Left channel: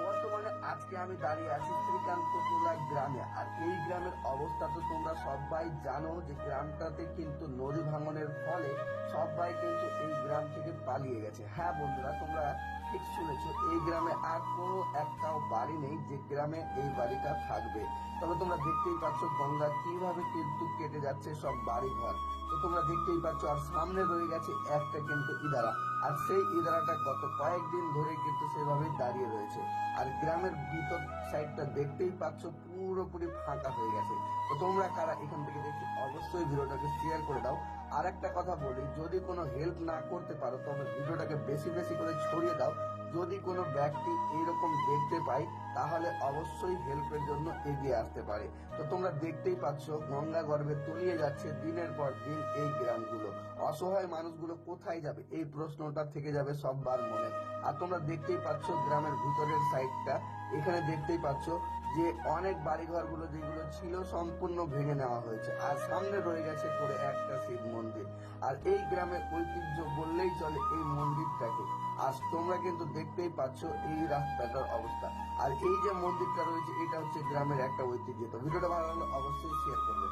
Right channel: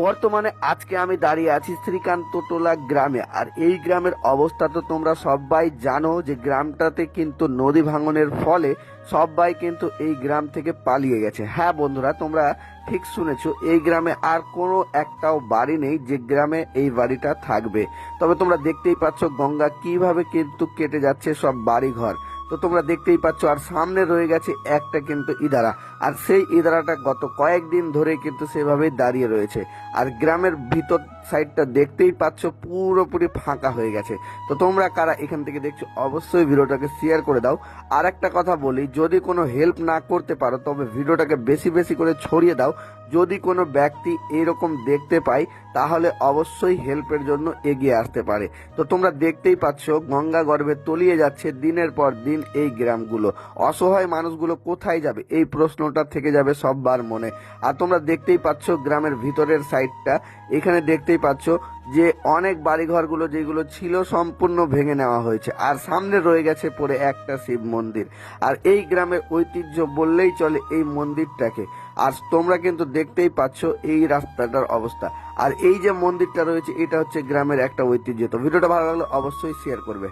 বর্তমানে আজকে আমি দাঁড়িয়ে আছি শ্রীকান্ত টোলা গ্রামে। আর এই গ্রামের অবস্থা তো তোমরা সবাই জানো যে গ্রামটাতে কিন্তু নদী ভাঙনের ফলে সবাই কিন্তু এই গ্রাম থেকে পালিয়ে গেছে। হ্যাঁ বন্ধুরা, তোমরা ঠিক শুনেছো, এই গ্রামে আর কোনো একটাও বাড়ি নেই যে গ্রামে এই বাড়িটা থাকবে। তবে তোমরা দেখতেই পাচ্ছ গঙ্গা কিভাবে কিন্তু কেটে যাচ্ছে সব বাড়ি ঘর। তো তোমরা দেখতেই পাচ্ছ, আর সামনে রয়ে গেছে একটা কিন্তু ইদারা। আর সেই ইদারাটা গত কয়েকদিন ধরে কিন্তু সেভাবেই দাঁড়িয়ে রয়েছে। আর গ্রামের ভিতর সাইডটা দেখতেই পাচ্ছ পুরোপুরি ফাঁকা হয়ে গেছে। তো তোমরা কারা এখান থেকে দেখছো অবশ্যই ভিডিওটাকে শেয়ার করে দাও। আর একটা কথা বলি, যদি কোনো হেল্প না করতে পারো তবে ভিডিওটাকে বেশি বেশি করে ছড়িয়ে দাও। যদি কোনো ব্যক্তি এরকম দেখতে পায় তাহলে অবশ্যই হেল্পের জন্য এগিয়ে আসতে পারে। তো তোমরা দেখতেই পাচ্ছ গঙ্গা গর্ভে তলিয়ে যাচ্ছে দিনের পর দিন এই গ্রামগুলো। অসহায় মানুষগুলো কোথায় যাবে এই প্রশ্নটা থেকে যাবে সববার মনে। আর তোমরা দেখতেই পাচ্ছ গ্রামের ভিতরের সাইডটা, এখানে দেখতেই পাচ্ছ যে অনেক বাড়িঘরগুলো যেগুলো ছিল সম্পূর্ণ ভেঙে নেওয়া হয়েছে। আর সামনে রয়ে গেছে পড়ে একটা শিব মন্দির। আর এই গ্রামের ঐতিহ্য বললেই চলে এই মন্দিরটাকে। আর তোমরা কিন্তু দেখতেই পাচ্ছ এই রাস্তাটার অবস্থা। আর এই যে মন্দিরটা রয়েছে এটা হচ্ছে গ্রামের একটা ঐতিহ্য। তো ভিডিওটা ভালো লাগলে অবশ্যই শেয়ার করবে।